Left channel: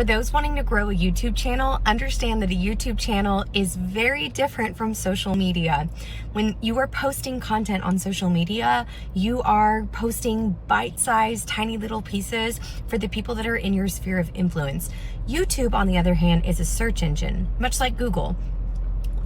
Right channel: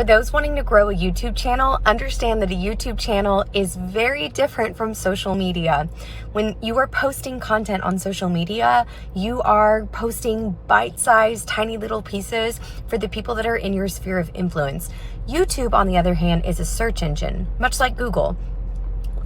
For those wanting to grow a YouTube channel, understand that a YouTube channel is very different from social media. When you are posting content on social media, you are posting bite-sized, tiny little pieces for the people that are in your sphere of influence. YouTube, on the other hand, is a search engine, much like Google.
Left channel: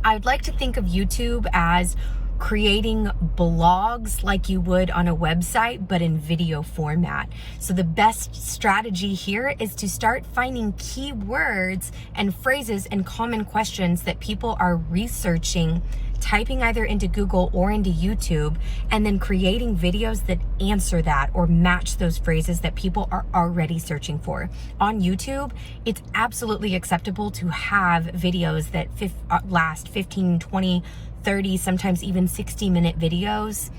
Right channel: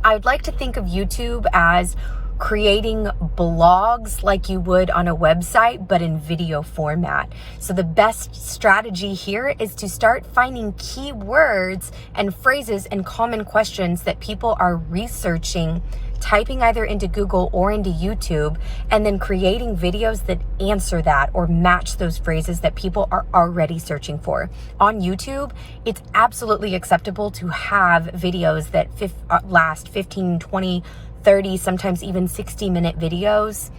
I would like to think of YouTube as creating blogs like you would on a website, but in video format. So the best strategy here is to start finding keywords and phrases and common questions that people are researching, typing either into Google or into YouTube, and then creating videos that answer that or match those phrases that people are already searching for. On YouTube, it's absolutely acceptable to have videos that last 15, 20, 30, sometimes even 60-minute videos,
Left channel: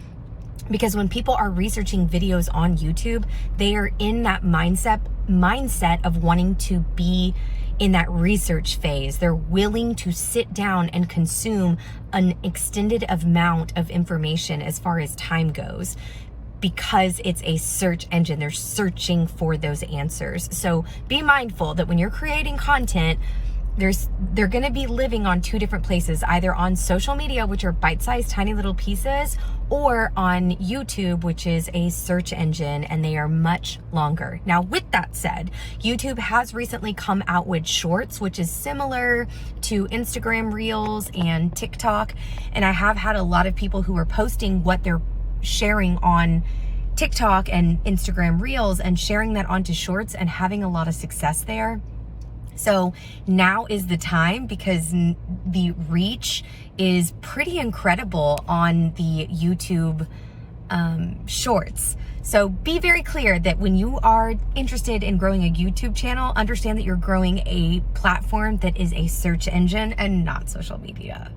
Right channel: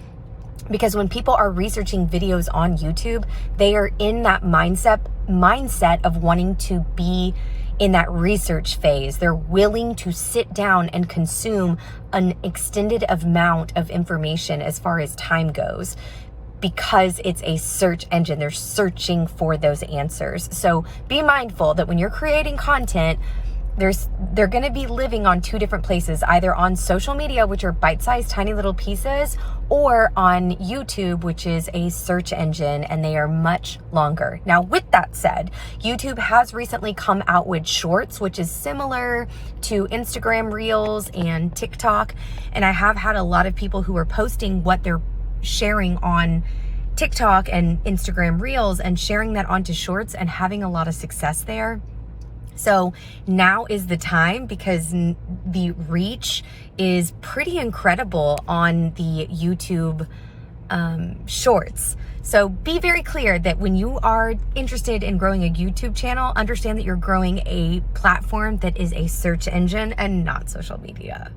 because when people are researching videos on YouTube, they are in that mindset of wanting to be in that research phase. They're willing to sit down and consume an extended amount of information as far as time goes, because it's a search engine. They're searching for those answers. So be mindful that when you're creating content, they're going to be living on two different places, either on social media, which are bite-sized tiny little pieces, or on YouTube, which is a search engine, and they are much longer. Now, with that said, YouTube has recently come out with Shorts, which is similar to Instagram Reels and TikTok, and I have had a lot of people who are posting what they're sharing on TikTok and Instagram Reels and sharing that onto Shorts and having a lot of success there. So now is the time, because the reach is pretty incredible on the YouTube Shorts. So be very clear that when you are interested in growing a YouTube channel, understand that you're growing a platform that is a search engine and not social media.